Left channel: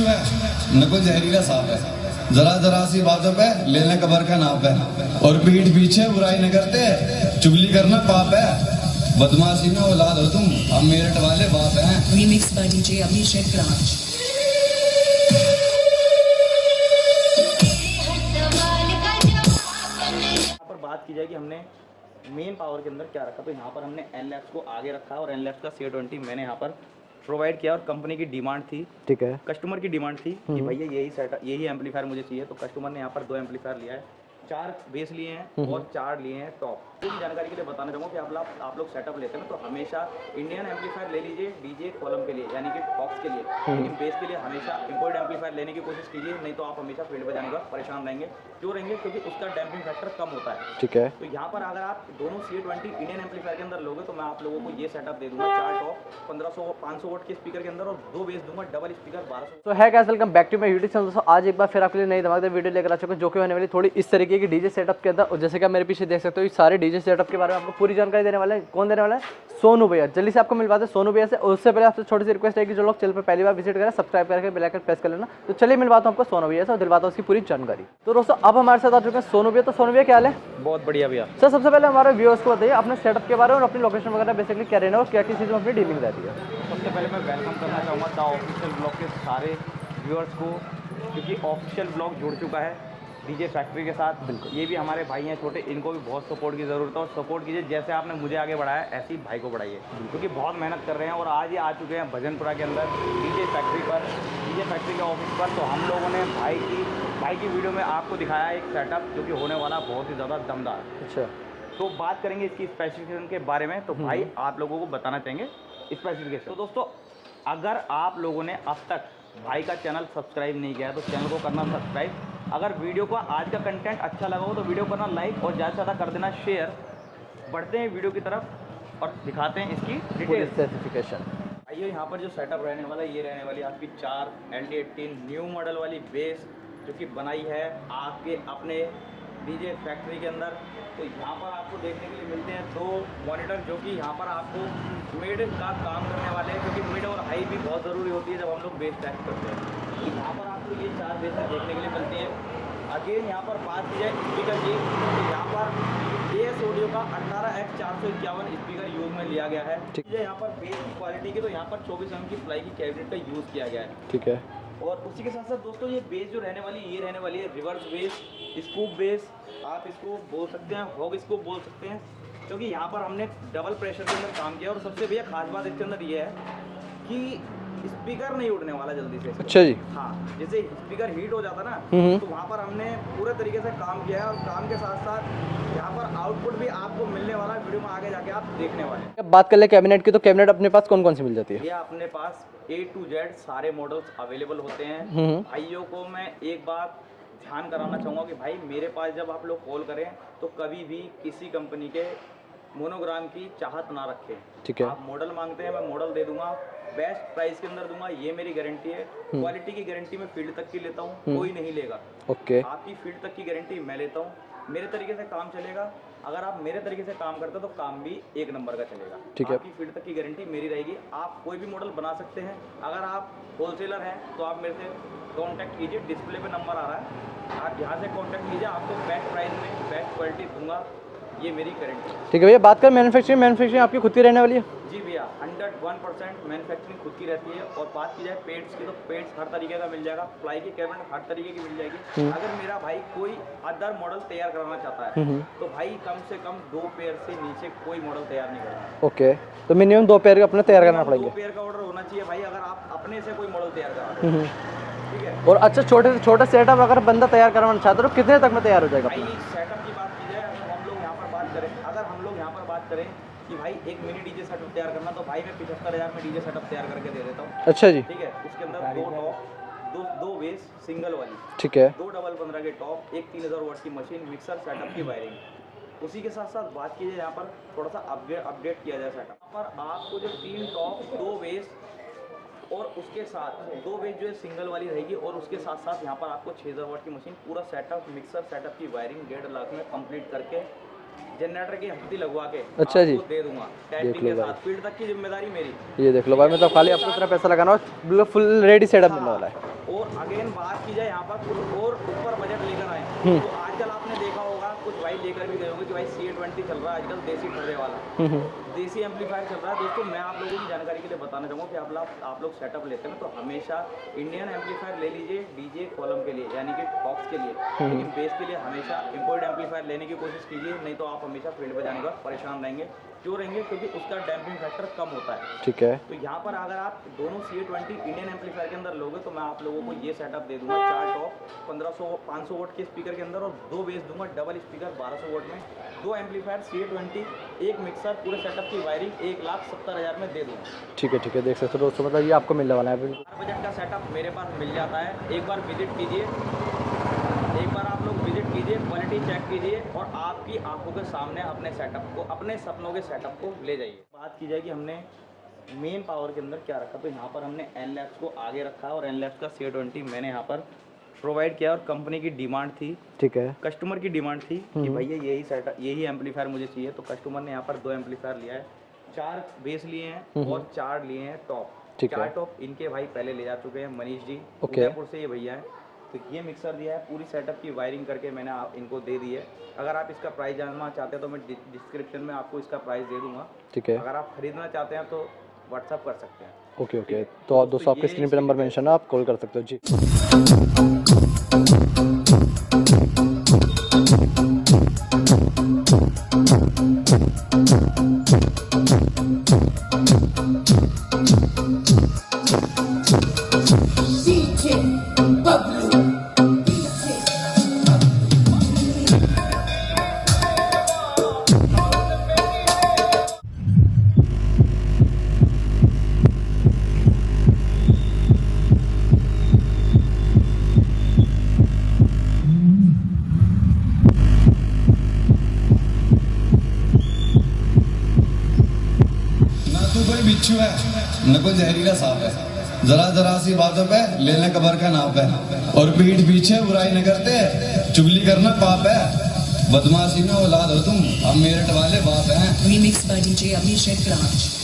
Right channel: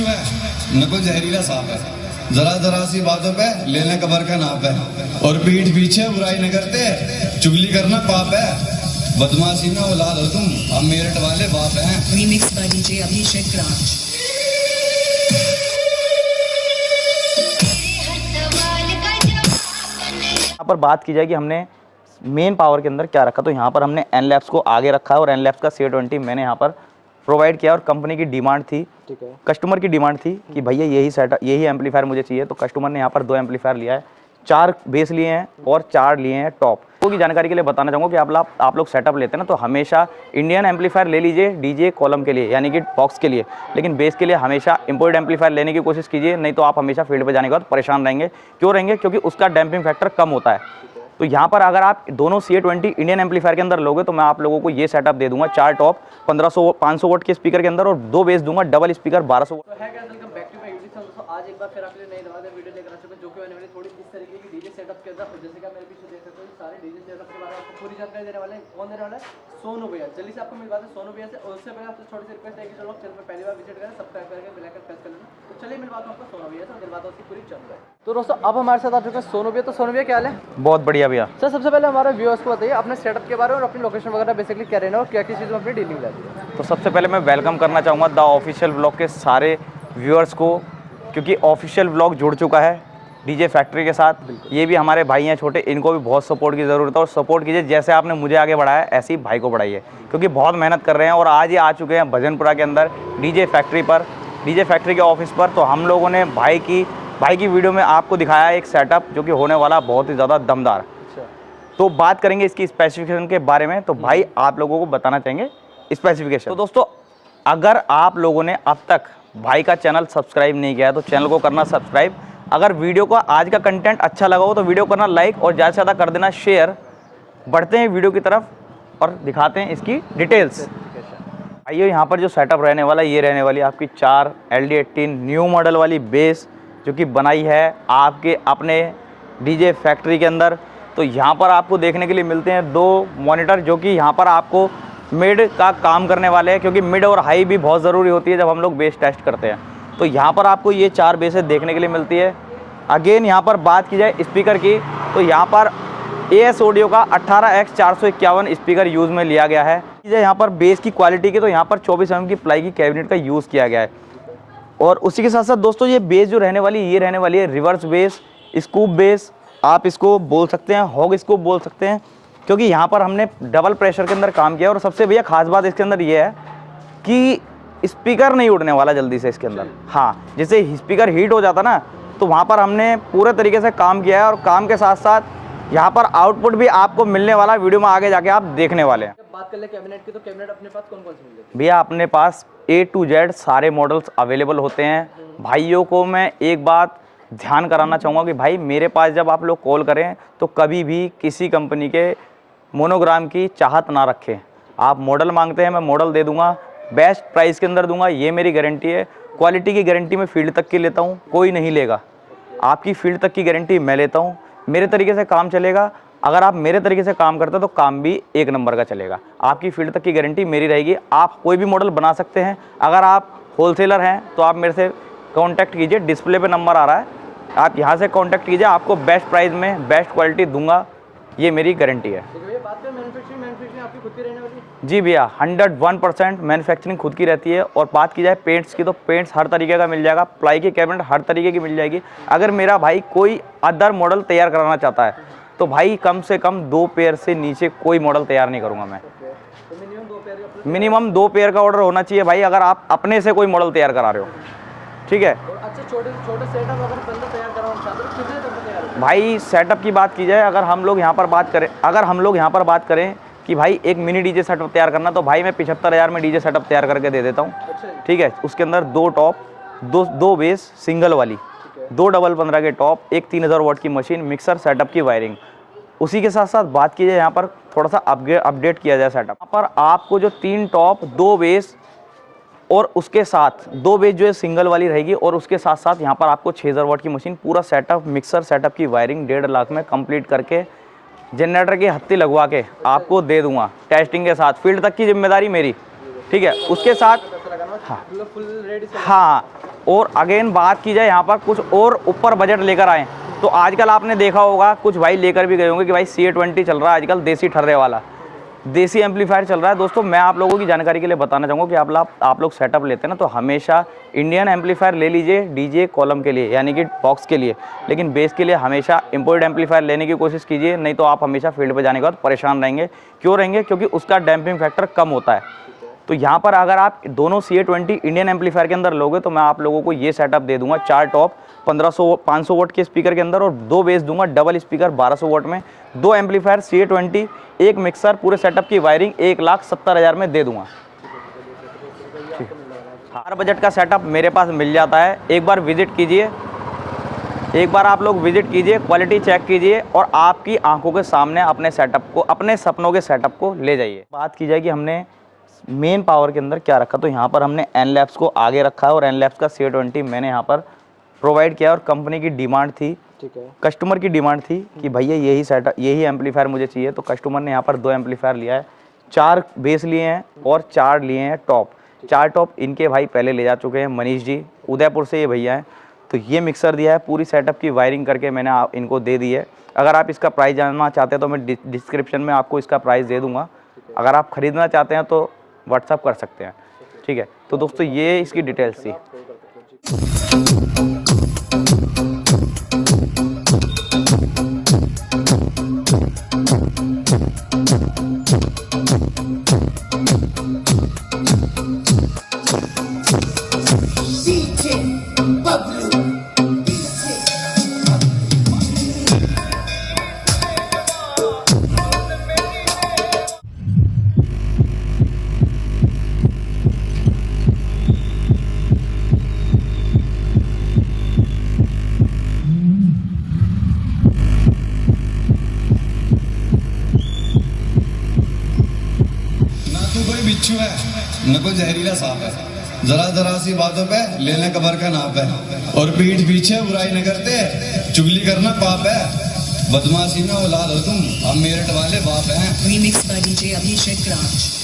बिच्छू है न कोई जहरीला सांप है, जरा जरा सी बातों पे लेने कबर का नाप है, और पीठ पीछे बुराई न करते चुगली करना पाप है, बदमाशी में औलाद हो तुम, हम मेरठ वाले बाप हैं। Remixed by DJ Abhishek Raj. यहाँ पर बात की जाए कि हमने मेन पावर के अंदर क्या रखा, तो यहाँ पर हमने एनलैप्स को आगे रखा है और एनलैप्स का C20 मैंने यहाँ पर प्रोवाइड किया और कंपनी की डिमांड थी, ठीक है, कस्टमर की डिमांड थी कि भैया यही सेटअप यही एम्पलीफायर मुझे चाहिए, तो कस्टमर ने यहाँ पर 2 एम्पलीफायर लिया है, 4 बेस लिए हैं और 4 लिए हैं टॉप। तो की जानकारी के लिए बताना चाहूँगा कि आप लोग सेटअप लेते हैं ना, तो हमेशा इंडियन एम्पलीफायर ले लीजिए डीजे कॉलम के लिए, यानी कि बॉक्स के लिए, लेकिन बेस के लिए हमेशा इंपोर्टेड एम्पलीफायर लेने की कोशिश कीजिए, नहीं तो आप हमेशा फील्ड पे जाने के बाद परेशान रहेंगे। क्यों रहेंगे? क्योंकि उसका डैम्पिंग फैक्टर कम होता है, ठीक है। तो यहाँ पर अगर आप दोनों C20 इंडियन एम्पलीफायर के अंदर लोगे तो मैं आप लोगों को ये सेटअप दे दूंगा, 4 टॉप 500 वोट के स्पीकर के अंदर और 2 बेस दूंगा, डबल स्पीकर 1200। तो है guys, welcome back to my YouTube channel. दोस्तों आज एक बार फिर आपके लिए नई धमाकेदार वीडियो लेकर आ चुके हैं, जो कि होने वाली थोड़ी इस तरीके की डीजे सेटअप के अंदर। और जैसे कि आप मेरे पीछे देख सकते हो, ये सारे डीजे सेटअप के बारे में आपको पूरी जानकारी देने वाले हैं। कौन देने वाला है? सोनू भैया। जल्दी से आपको मिलवाते हैं सोनू भैया से। और उससे पहले आपसे छोटी सी रिक्वेस्ट है कि जो लोग चैनल पर पहली बार विजिट करें, सब्सक्राइब करके बेल आइकन प्रेस कर लेना। तो चलिए मिलवाता हूं आपको सोनू भैया से और दिलवाता हूं उसकी पूरी जानकारी। तो दोस्तों अब हमारे साथ आ चुके हैं सोनू भैया। तो सोनू भैया क्या हाल है? बहुत बढ़िया भैया। सर सबसे पहले हमारे व्यूअर्स को बताइए अपने सेटअप के बारे में और अपनी लोकेशन वगैरह बेसिकली क्या रहना और क्या किस चीज़ में अपनी डीलिंग रहती है। तो सबसे पहले मैं वेलकम करना चाहूँगा द ऑफिशियल ब्लॉग के सारे व्यूअर्स को, क्योंकि ऑफिशियल ब्लॉग जुड़ चुका है डीजे फैक्ट्री के साथ। ये भी हमारे भाई हैं छोटे, इनको भी बहुत सपोर्ट की ज़रूरत है और सपोर्ट कीजिए, जैसे आपने मुझे आगे बढ़ाया ऐसे ही भाई को बढ़ाइए, क्योंकि बहुत मेहनत कर रहे हैं। और आज ये आ चुके हैं भजनपुरा के अंदर डीजे फैक्ट्री पर, डीजे फैक्ट्री के ऑफिस पर। तो हम लोगों ने भाई की वीडियो में आपको दिखाया एक सेटअप जो कि होने वाला बहुत ही ज़्यादा दमदार। अच्छा, तो बात करेंगे इसकी स्पेसिफिकेशन के बारे में। तो भाई आप लोगों को बताना चाहेंगे स्पेसिफिकेशन। तो दोस्तों अगर आप लोगों ने अब तक भाई का चैनल सब्सक्राइब नहीं किया है तो चैनल को करना सब्सक्राइब। अगर वीडियो को आज का कंटेंट अच्छा लगा हो तो वीडियो करना लाइक और ज़्यादा से ज़्यादा कर देना शेयर। बढ़ते हैं वीडियो की तरफ और दिखाते हैं इसकी डिटेल्स। आइए, यहाँ पर जो सेटअप रहने वाला ये रहने वाली आपकी 4 LD18 न्यू मॉडल वाली बेस, जो कि बनाई है आपके अपने डीजे फैक्ट्री के अंदर। तो यहाँ पर आपको देखने के लिए मिलते हैं 2 मॉनिटर, जो कि यहाँ पर आपको मिड का काम करने वाले हैं, क्योंकि मिड और हाई भी बहुत ज़रूरी होती है जब हम लोग बेस टेस्ट करते हैं। तो यहाँ पर आपको ये 4 बेसें देखने के लिए मिलती है। अगेन यहाँ पर बात की जाए स्पीकर की, तो यहाँ पर AS ऑडियो का 18X451 स्पीकर यूज़ में लिया गया है। ठीक है, यहाँ पर बेस की क्वालिटी की तो यहाँ पर 24 mm की प्लाई की कैबिनेट का यूज़ किया गया है, ठीक है। और उसी के साथ साथ दोस्तों ये बेस जो रहने वाली ये रहने वाली है रिवर्स बेस, स्कूप बेस आप इसको बोल सकते हैं, हॉग स्कूप बोल सकते हैं, क्योंकि यहाँ पर हमने डबल प्रेशर के अंदर काम किया। और सबसे भैया खास बात इसके अंदर ये है कि स्पीकर नहीं उड़ने वाला जल्दी से इसके अंदर। हाँ, जैसे स्पीकर हीट हो जाता ना, तो वहाँ पर हमने पूरे तरीके से काम किया है। और काम के साथ साथ यहाँ पर आउटपुट भी आपको मिलने वाला, वीडियो में आगे जाके आप देखने वाले हैं। बात कर ले कैबिनेट की, तो कैबिनेट अपने पास कौन कौन सी मिल जाती है? भैया अपने पास A to Z सारे मॉडल्स अवेलेबल होते हैं। भाइयों को मैं एक बात ध्यान कराना चाहूँगा कि भाई मेरे पास जब आप लोग कॉल करें तो कभी भी किसी कंपनी के मोनोग्राम की चाहत ना रखें। आप मॉडल मांगते हैं, मैं मॉडल दे दूंगा, बेस्ट प्राइस के अंदर दूंगा, ये मेरी गारंटी है। क्वालिटी की गारंटी मैं फील्ड तक की लेता हूँ, कोई नहीं लेगा। आपकी फील्ड तक की गारंटी मैं लेता हूँ, मेरे तरीके से काम चलेगा। अगर आप मेरे तरीके से काम करते हो तो काम भी 1 नंबर का चलेगा। आपकी फील्ड तक की गारंटी मेरी रहेगी। आप कोई भी मॉडल बना सकते हैं। अगर आप होलसेलर हैं तो आप मेरे से कांटेक्ट कीजिए, डिस्प्ले पे नंबर आ रहा है, आप यहाँ से कांटेक्ट कीजिए, आपको बेस्ट प्राइस में बेस्ट क्वालिटी दूंगा, ये मेरी गारंटी है। ठीक है भैया, बात कर मैन्युफैक्चरिंग आपकी खुद की रहने वाली है? जी भैया, 101% मैन्युफैक्चरिंग खुद की रहती है। और बात की जाए पेंट्स की, तो पेंट्स हर तरीके का मिल जाएगा, प्लाई की कैबिनेट हर तरीके की मिल जाएगी। अगर मेरा भाई कोई अदर मॉडल तैयार कराना चाहता है तो भाई कम से कम 2 पेयर से नीचे कोई मॉडल तैयार नहीं करूंगा मैं। ओके, तो मिनिमम 2 पेयर का अपना मिनिमम 2 पेयर का ऑर्डर होना चाहिए भाई, अगर आप अपने से कोई मॉडल तैयार करा रहे हो, ठीक है। और अच्छा, छोटे से छोटा सेटअप अगर बंदा तैयार करवाना चाहता है तो कितने तक में तैयार हो जाएगा? भाई सेटअप की बात की जाए, अगर हम लोग यहाँ पर बात करें कि भाई एक मिनी डीजे सेटअप तैयार करना, तो भाई मैं 75,000 में डीजे सेटअप तैयार करके दे देता हूँ। अच्छा जी, ठीक है। उसके अंदर 2 टॉप, 2 बेस सिंगल वाली, ठीक है, 2 डबल 15 के टॉप, एक 3000 वाट की मशीन, मिक्सर, सेटअप की वायरिंग। उसी के साथ साथ बात की जाए यहाँ पर थोड़ा सा अपडेट किया जाए सेटअप, यहाँ पर आपको जो 3 टॉप, 2 बेस और उसके साथ 2 बेस जो है सिंगल वाली रहेगी, और उसके साथ साथ यहाँ पर आपको 6000 वाट की मशीन, पूरा सेटअप, मिक्सर, सेटअप की वायरिंग 1.5 लाख में कंप्लीट करके जनरेटर की हत्ती लगवा के आपको दे दूंगा टेस्टिंग के साथ। फील्ड तक की जिम्मेदारी मेरी, ठीक है। उसके साथ पैसा लगाना, फुल रेडी सेटअप। हाँ, और अगेन बात की जाए यहाँ पर कुछ और ऊपर बजट लेकर आए, तो आजकल आपने देखा होगा कुछ भाई लेकर भी गए होंगे कि भाई CA20 चल रहा है आजकल, देसी ठर्रे वाला देसी एम्पलीफायर चल रहा है। दोस्तों मैं आप लोगों की जानकारी के लिए बताना चाहूँगा कि आप लोग सेटअप लेते हैं ना, तो हमेशा इंडियन एम्पलीफायर ले लीजिए डीजे कॉलम के लिए, यानी कि बॉक्स के लिए, लेकिन बेस के लिए हमेशा इंपोर्टेड एम्पलीफायर लेने की कोशिश कीजिए, नहीं तो आप हमेशा फील्ड पे जाने के बाद परेशान रहेंगे। क्यों रहेंगे? क्योंकि उसका डैम्पिंग फैक्टर कम होता है। ठीक है। तो यहाँ पर अगर आप दोनों CA20 इंडियन एम्पलीफायर के अंदर लोगे तो मैं आप लोगों को ये सेटअप दे दूंगा, 4 टॉप 500 वोट के स्पीकर के अंदर और 2 बेस दूंगा, डबल स्पीकर 1200 वोट में, 2 एम्पलीफायर CA20, 1 मिक्सर, पूरे सेटअप की वायरिंग 1,70,000 में दे दूंगा। ठीक है, देख सकते हो दोस्तों, मतलब ये आपको मिलने वाला है। हर बजट का सेटअप मेरे पास मिल जाता है। एक बार विजिट कीजिए, एक बार आप लोग विजिट कीजिए, क्वालिटी चेक कीजिए और आपकी आंखों के सामने अपने सेटअप को, अपने सपनों के सेटअप को ले जाइए। बात की जाए कि हमने मेन पावर के अंदर क्या रखा, तो यहाँ पर हमने एनलैब्स को आगे रखा है और एनलैब्स का CA20 मैंने यहाँ पर प्रोवाइड किया और कंपनी की डिमांड थी, ठीक है, कस्टमर की डिमांड थी कि भैया यही सेटअप, यही एम्पलीफायर मुझे चाहिए, तो कस्टमर ने यहाँ पर 2 एम्पलीफायर लिया है, 4 बेस लिए हैं और 4 लिए हैं टॉप। 4 टॉप इनके भाई पहले ले जा चुके हैं, मनीष जी उदयपुर से ये भैया हैं। तो ये मिक्सर दिया है, पूरी सेटअप की वायरिंग करके मैंने इनको दे दी है। अगर आप इसका प्राइस जानना चाहते हैं तो मैं डिस्क्रिप्शन में आपको इसका प्राइस दे दूंगा। ठीक है। अगर आप खरीदना चाहते हैं तो व्हाट्सअप कर सकते हैं। ओके, ठीक है। तो दोस्तों ये इसकी डिटेल्स थी। आप कॉल कर सकते हो जी। कोई बिच्छू है न कोई जहरीला सांप है, जरा जरा सी बातों पे लेने कबर का नाप है, और पीठ पीछे बुराई न करते चुगली करना पाप है, बदमाशी में औलाद हो तुम, हम मेरठ वाले बाप हैं। Remixed by DJ Abhishek Raj.